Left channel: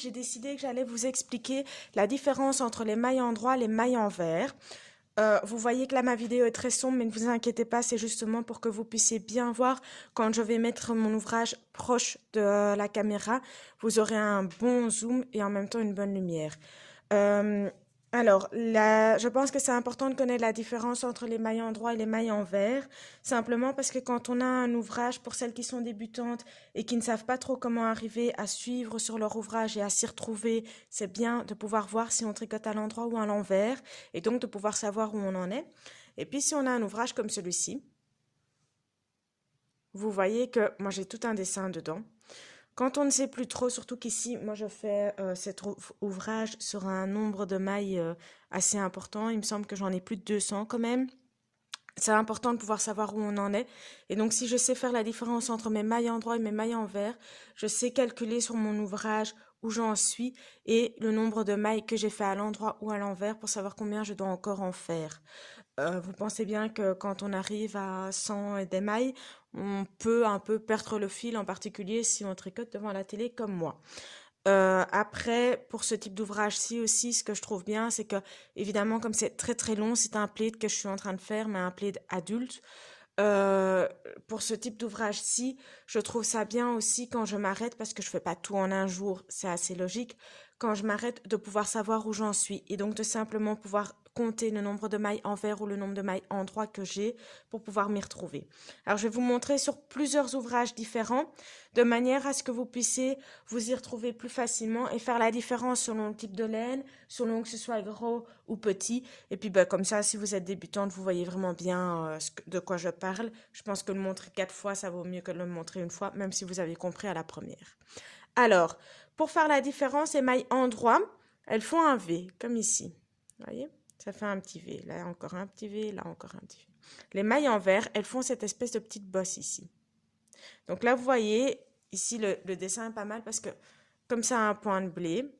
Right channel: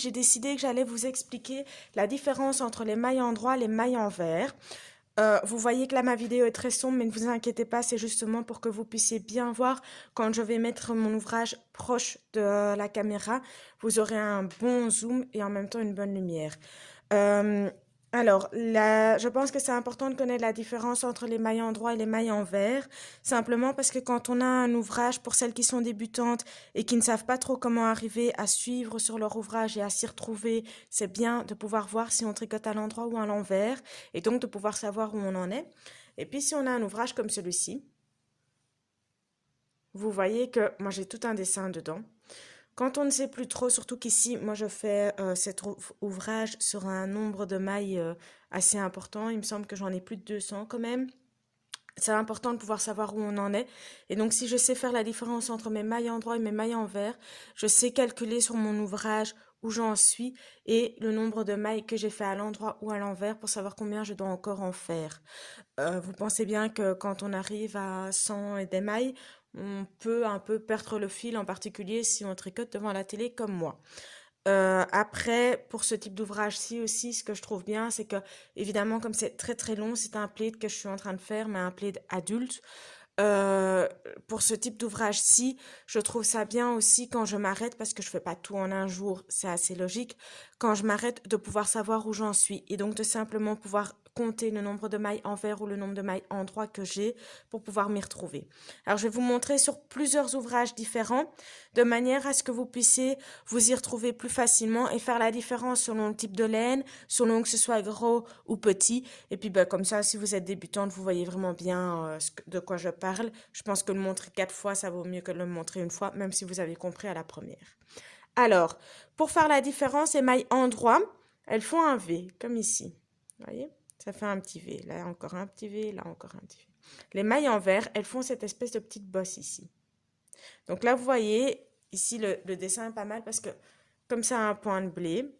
j'ai décidé que j'allais vous expliquer la différence entre les mailles endroit et les mailles envers. Vous voyez que là ma vidéo est très sombre, mais ne vous inquiétez pas, c'est justement pour que vous puissiez bien voir quand je vais mettre mon ouvrage proche de la caméra. Vous aurez un bon zoom et en même temps une bonne lumière. Je pense que c'est important de connaître la différence entre les mailles endroit et les mailles envers, simplement parce que quand on a un ouvrage, pour celles qui sont débutantes et qui ne savent pas trop comment arriver à suivre sur leur ouvrage et à s'y retrouver, c'est bien de pouvoir voir si on tricote à l'endroit ou à l'envers, et donc de pouvoir savoir où on en est. Et puis si on a un ouvrage comme celui-ci, vous voyez que moi j'ai tout un dessin dedans. Quand on ne sait plus trop, surtout qu'ici, moi je fais cet ouvrage sur un nombre de mailles assez important, il me semble que j'en ai plus de 200 quand même. C'est important de pouvoir savoir où on en est. Et donc si je sais faire la différence entre mes mailles endroit et mes mailles envers, je sais calculer sur mon ouvrage où j'en suis et le nombre de mailles que j'ai fait à l'endroit ou à l'envers pour savoir combien je dois encore en faire. Vous pensez bien que quand on arrive à 100 et des mailles, on peut un peu perdre le fil, en particulier si on tricote devant la télé comme moi. Après, pour ce type d'ouvrage-ci aussi, ce que je trouve bien, c'est que, évidemment, comme c'est très très long, c'est un plaid que je suis en train de faire, mais un plaid adulte. Pour ce type d'ouvrage-ci, je trouve ça bien aussi quand je m'arrête, parce que je fais pas tout en un jour, c'est assez logique, quand je m'arrête de pouvoir savoir où j'en suis et donc de simplement pouvoir compter le nombre de mailles envers ou le nombre de mailles endroit que j'ai pour pouvoir m'y retrouver. Alors je vais vous montrer sur plusieurs ouvrages différents de manière à ce que vous puissiez vous y retrouver plus facilement et faire la différence selon le type de laine, selon que ce soit gros ou petit. Et puis comme ça, si vous êtes débutante, vous voyez vraiment bien de quoi je parle. Je pense que le montrer 4 fois, ça vaut mieux que le montrer une fois, même si vous avez compris à la première. Alors, pour faire la différence, les mailles endroit, elles font un V, comme ici. Vous voyez? Ça fait un petit V. Là, encore un petit V. Là, encore un petit V. Les mailles envers, elles font cette espèce de petite bosse ici. Donc là, vous voyez, ici, le dessin est pas mal parce que, comme ça a un point de blé,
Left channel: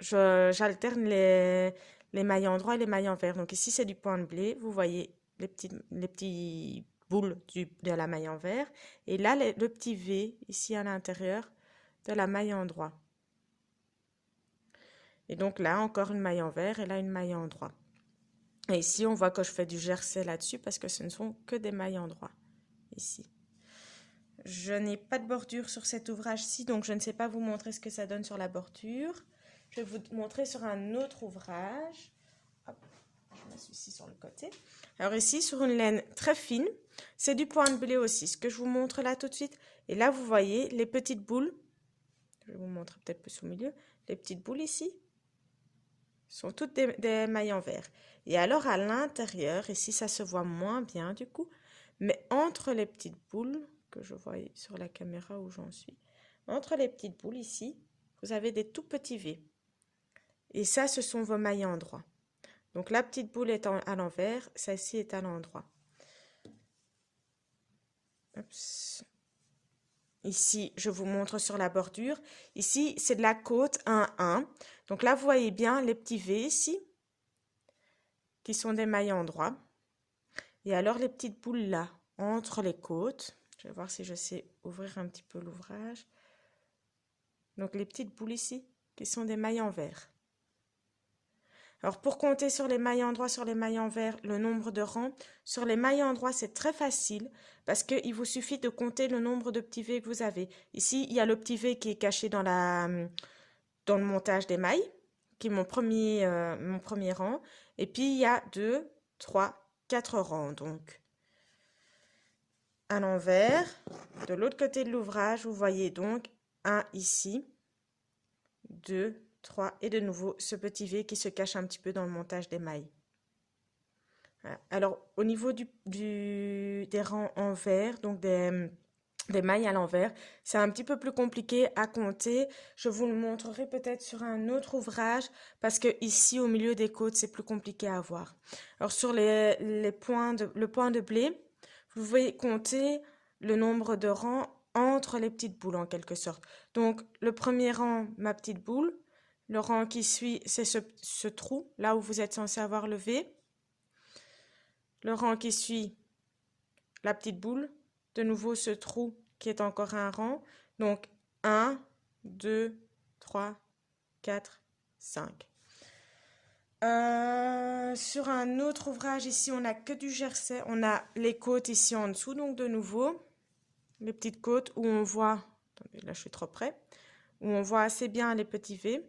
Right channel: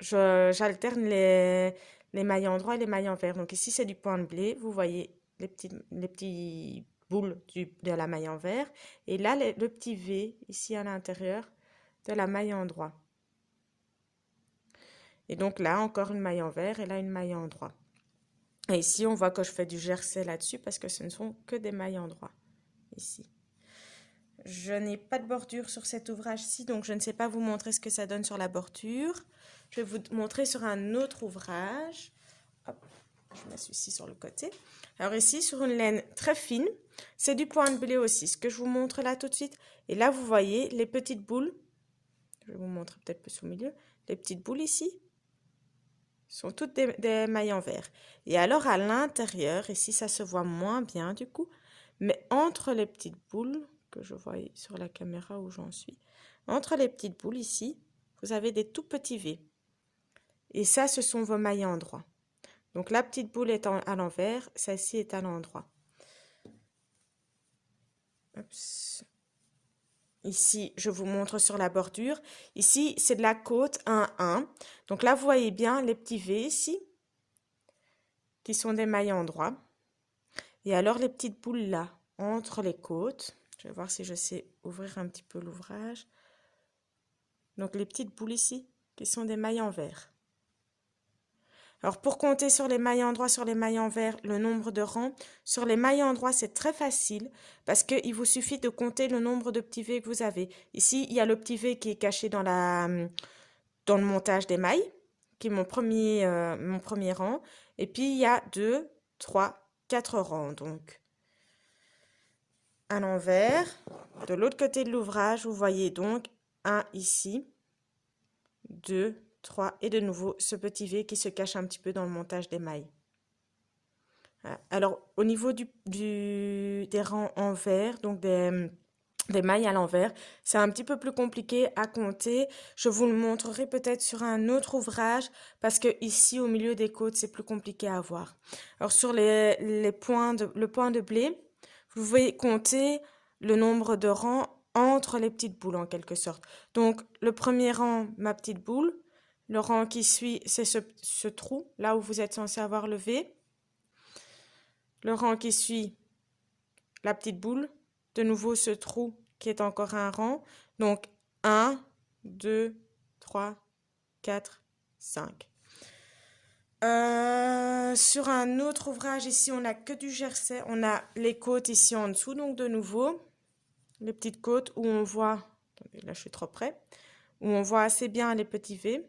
j'alterne les mailles endroit et les mailles envers. Donc ici, c'est du point de blé. Vous voyez les petits boules de la maille envers. Et là, le petit V, ici à l'intérieur, de la maille endroit. Et donc là, encore une maille envers et là, une maille endroit. Et ici, on voit que je fais du jersey là-dessus parce que ce ne sont que des mailles endroit. Ici. Je n'ai pas de bordure sur cet ouvrage-ci, donc je ne sais pas vous montrer ce que ça donne sur la bordure. Je vais vous montrer sur un autre ouvrage. Hop, je mets celui-ci sur le côté. Alors ici, sur une laine très fine, c'est du point de blé aussi, ce que je vous montre là tout de suite. Et là, vous voyez les petites boules. Je vais vous montrer peut-être plus au milieu. Les petites boules ici sont toutes des mailles envers. Et alors à l'intérieur, ici ça se voit moins bien du coup, mais entre les petites boules, que je vois sur la caméra où j'en suis, entre les petites boules ici, vous avez des tout petits V. Et ça, ce sont vos mailles endroit. Donc la petite boule est à l'envers, celle-ci est à l'endroit. Ici, je vous montre sur la bordure. Ici, c'est de la côte 1-1. Donc là, vous voyez bien les petits V ici, qui sont des mailles endroit. Et alors, les petites boules là, entre les côtes. Je vais voir si je sais ouvrir un petit peu l'ouvrage. Donc, les petites boules ici, qui sont des mailles envers. Alors, pour compter sur les mailles endroit, sur les mailles envers, le nombre de rangs, sur les mailles endroit, c'est très facile parce qu'il vous suffit de compter le nombre de petits V que vous avez. Ici, il y a le petit V qui est caché dans le montage des mailles, qui est mon premier rang. Et puis, il y a 2, 3, 4 rangs. Donc, à l'envers, de l'autre côté de l'ouvrage, vous voyez donc un ici, 2, 3 et de nouveau ce petit V qui se cache un petit peu dans le montage des mailles. Voilà. Alors, au niveau des rangs envers, donc des mailles à l'envers, c'est un petit peu plus compliqué à compter. Je vous le montrerai peut-être sur un autre ouvrage parce que ici, au milieu des côtes, c'est plus compliqué à voir. Alors, sur le point de blé, vous pouvez compter le nombre de rangs entre les petites boules en quelque sorte. Donc, le premier rang, ma petite boule. Le rang qui suit, c'est ce trou, là où vous êtes censé avoir le V. Le rang qui suit, la petite boule. De nouveau, ce trou qui est encore un rang. Donc, 1, 2, 3, 4, 5. Sur un autre ouvrage, ici, on n'a que du jersey. On a les côtes ici en dessous, donc de nouveau, les petites côtes où on voit, attendez, là je suis trop près, où on voit assez bien les petits V.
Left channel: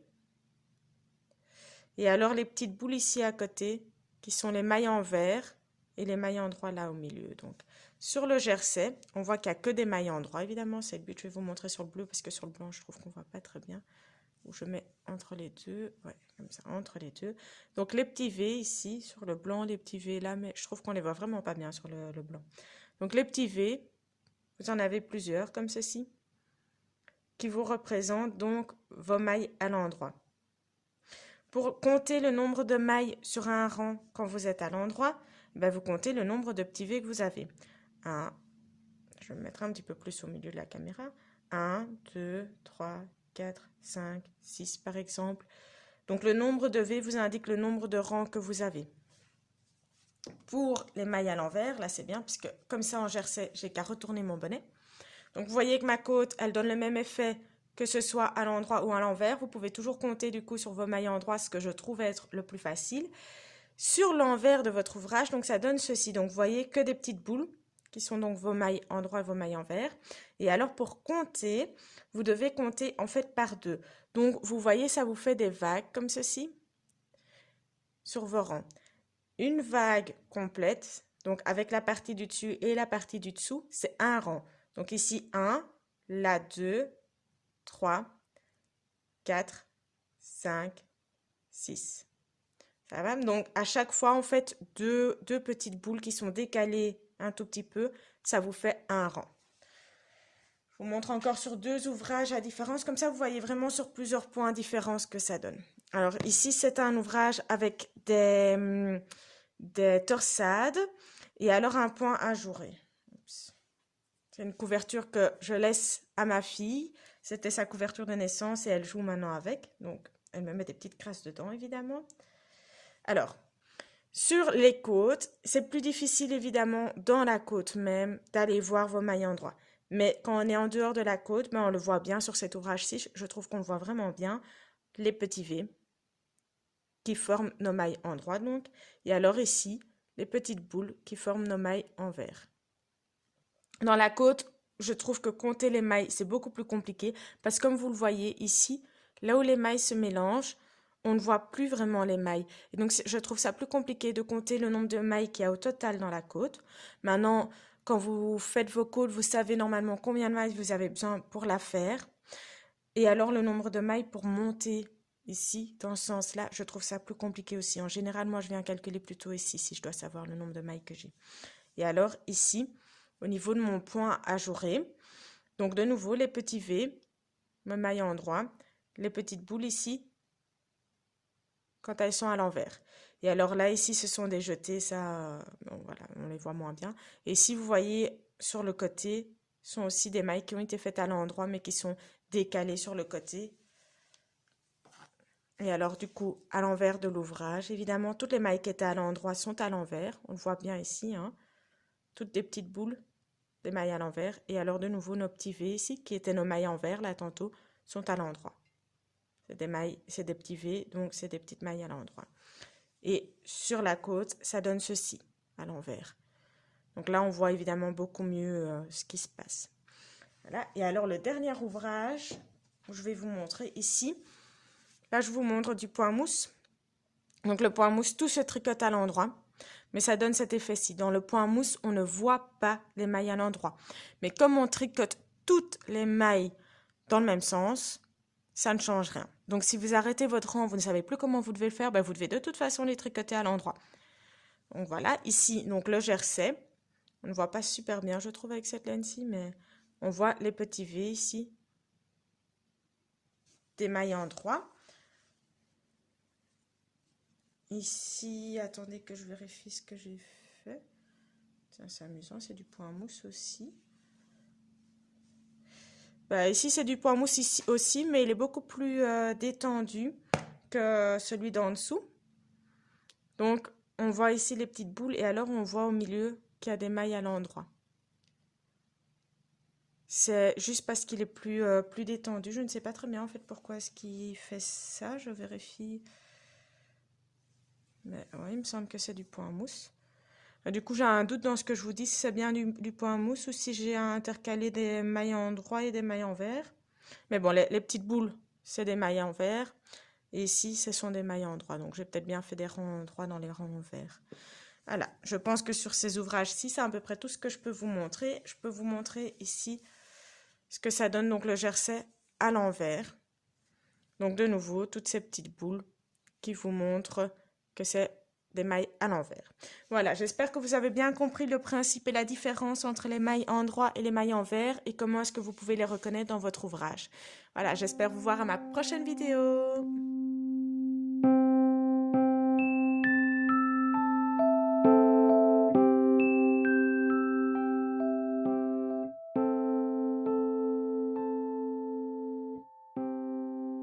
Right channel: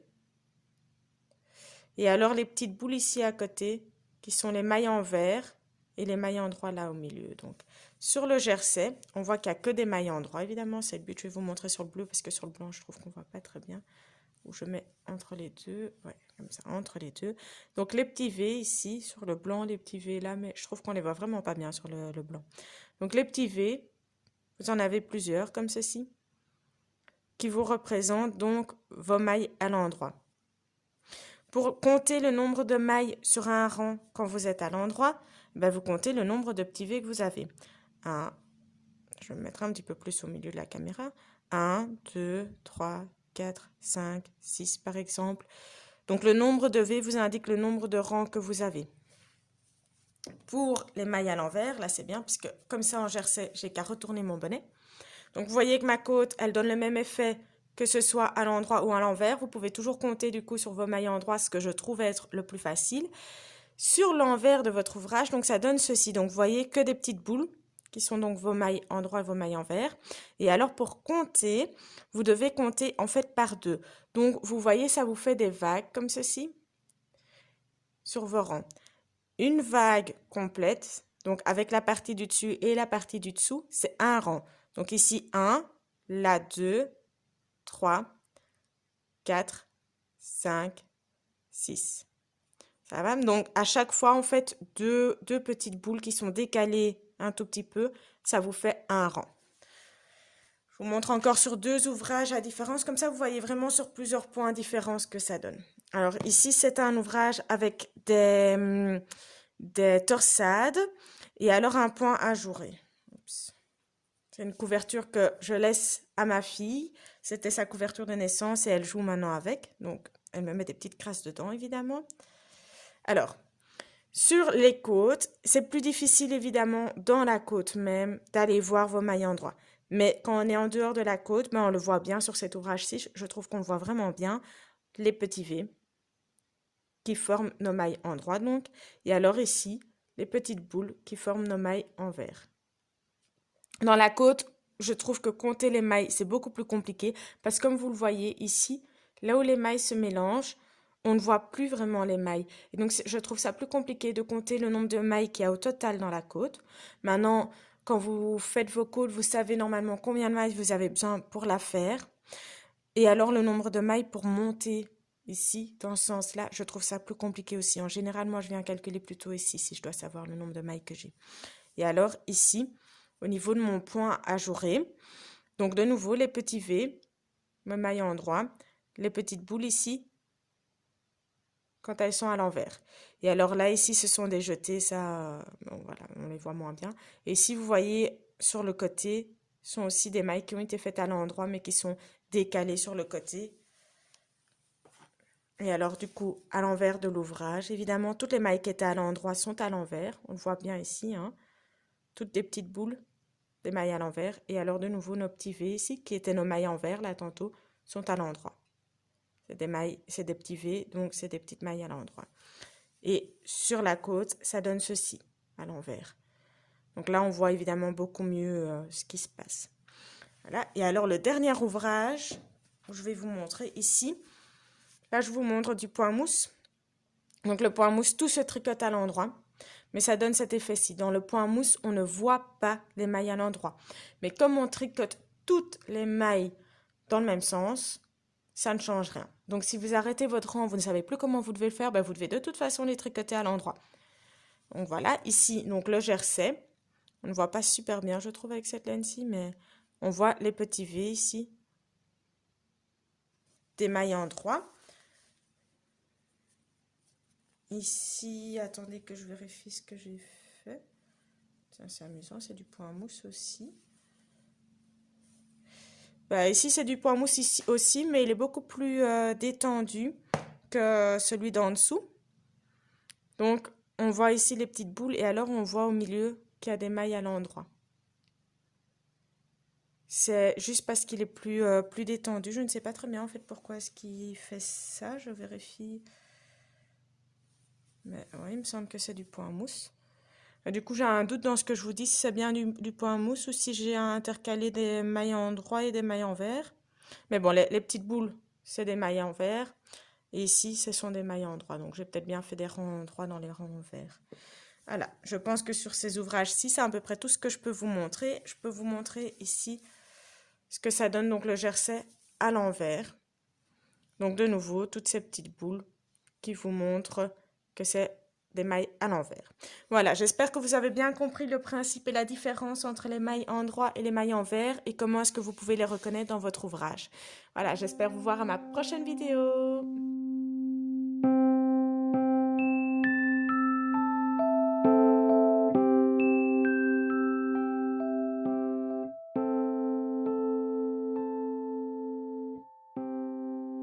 Et alors les petites boules ici à côté, qui sont les mailles en vert et les mailles en droit là au milieu. Donc sur le jersey, on voit qu'il n'y a que des mailles en droit, évidemment, c'est le but. Je vais vous montrer sur le bleu parce que sur le blanc, je trouve qu'on ne voit pas très bien. Où je mets entre les deux, ouais, comme ça, entre les deux. Donc les petits V ici, sur le blanc, les petits V là, mais je trouve qu'on les voit vraiment pas bien sur le blanc. Donc les petits V, vous en avez plusieurs comme ceci, qui vous représentent donc vos mailles à l'endroit. Pour compter le nombre de mailles sur un rang quand vous êtes à l'endroit, ben vous comptez le nombre de petits V que vous avez. Je vais me mettre un petit peu plus au milieu de la caméra. 1, 2, 3, 4, 5, 6 par exemple. Donc le nombre de V vous indique le nombre de rangs que vous avez. Pour les mailles à l'envers, là c'est bien, puisque comme ça en jersey, j'ai qu'à retourner mon bonnet. Donc vous voyez que ma côte, elle donne le même effet que ce soit à l'endroit ou à l'envers. Vous pouvez toujours compter du coup sur vos mailles en droit, ce que je trouve être le plus facile. Sur l'envers de votre ouvrage, donc ça donne ceci. Donc vous voyez que des petites boules, qui sont donc vos mailles en droit et vos mailles en vert. Et alors pour compter, vous devez compter en fait par 2. Donc vous voyez, ça vous fait des vagues comme ceci sur vos rangs. Une vague complète, donc avec la partie du dessus et la partie du dessous, c'est un rang. Donc ici 1, là 2, 3, 4, 5, 6. Ça va? Donc à chaque fois, en fait, deux petites boules qui sont décalées un tout petit peu, ça vous fait un rang. Je vous montre encore sur 2 ouvrages à différence, comme ça vous voyez vraiment sur plusieurs points différents ce que ça donne. Alors ici, c'est un ouvrage avec des torsades et alors un point ajouré. C'est une couverture que je laisse à ma fille. C'était sa couverture de naissance et elle joue maintenant avec. Donc, elle me met des petites crasses dedans, évidemment. Alors, sur les côtes, c'est plus difficile, évidemment, dans la côte même, d'aller voir vos mailles en droit. Mais quand on est en dehors de la côte, ben, on le voit bien sur cet ouvrage-ci. Je trouve qu'on le voit vraiment bien. Les petits V qui forment nos mailles en droit, donc. Et alors ici, les petites boules qui forment nos mailles en vert. Dans la côte, je trouve que compter les mailles, c'est beaucoup plus compliqué parce que comme vous le voyez ici, là où les mailles se mélangent, on ne voit plus vraiment les mailles. Et donc, je trouve ça plus compliqué de compter le nombre de mailles qu'il y a au total dans la côte. Maintenant, quand vous faites vos côtes, vous savez normalement combien de mailles vous avez besoin pour la faire. Et alors, le nombre de mailles pour monter ici, dans ce sens-là, je trouve ça plus compliqué aussi. En général, moi, je viens calculer plutôt ici, si je dois savoir le nombre de mailles que j'ai. Et alors, ici, au niveau de mon point ajouré, donc de nouveau, les petits V, mes mailles en droit, les petites boules ici, quand elles sont à l'envers. Et alors là, ici, ce sont des jetés, ça, bon, voilà, on les voit moins bien. Et si vous voyez, sur le côté, sont aussi des mailles qui ont été faites à l'endroit, mais qui sont décalées sur le côté. Et alors, du coup, à l'envers de l'ouvrage, évidemment, toutes les mailles qui étaient à l'endroit sont à l'envers. On le voit bien ici, hein. Toutes des petites boules, des mailles à l'envers. Et alors, de nouveau, nos petits V ici, qui étaient nos mailles en vert, là, tantôt, sont à l'endroit. C'est des mailles, c'est des petits V, donc c'est des petites mailles à l'endroit. Et sur la côte, ça donne ceci, à l'envers. Donc là, on voit évidemment beaucoup mieux ce qui se passe. Voilà. Et alors, le dernier ouvrage, je vais vous montrer ici. Là, je vous montre du point mousse. Donc, le point mousse, tout se tricote à l'endroit. Mais ça donne cet effet-ci. Dans le point mousse, on ne voit pas les mailles à l'endroit. Mais comme on tricote toutes les mailles dans le même sens, ça ne change rien. Donc, si vous arrêtez votre rang, vous ne savez plus comment vous devez le faire, ben, vous devez de toute façon les tricoter à l'endroit. Donc, voilà. Ici, donc le jersey. On ne voit pas super bien, je trouve, avec cette laine-ci, mais on voit les petits V ici. Des mailles en droit. Ici, attendez que je vérifie ce que j'ai fait. C'est amusant, c'est du point mousse aussi. Bah, ici, c'est du point mousse ici aussi, mais il est beaucoup plus détendu que celui d'en dessous. Donc, on voit ici les petites boules et alors on voit au milieu qu'il y a des mailles à l'endroit. C'est juste parce qu'il est plus détendu. Je ne sais pas très bien en fait pourquoi est-ce qu'il fait ça. Je vérifie. Mais ouais, il me semble que c'est du point mousse. Du coup, j'ai un doute dans ce que je vous dis, si c'est bien du point mousse ou si j'ai intercalé des mailles en droit et des mailles en vert. Mais bon, les petites boules, c'est des mailles en vert. Et ici, ce sont des mailles en droit. Donc, j'ai peut-être bien fait des rangs en droit dans les rangs en vert. Voilà, je pense que sur ces ouvrages-ci, c'est à peu près tout ce que je peux vous montrer. Je peux vous montrer ici ce que ça donne, donc le jersey à l'envers. Donc, de nouveau, toutes ces petites boules qui vous montrent que c'est des mailles à l'envers. Voilà, j'espère que vous avez bien compris le principe et la différence entre les mailles en droit et les mailles en vert et comment est-ce que vous pouvez les reconnaître dans votre ouvrage. Voilà, j'espère vous voir à ma prochaine vidéo.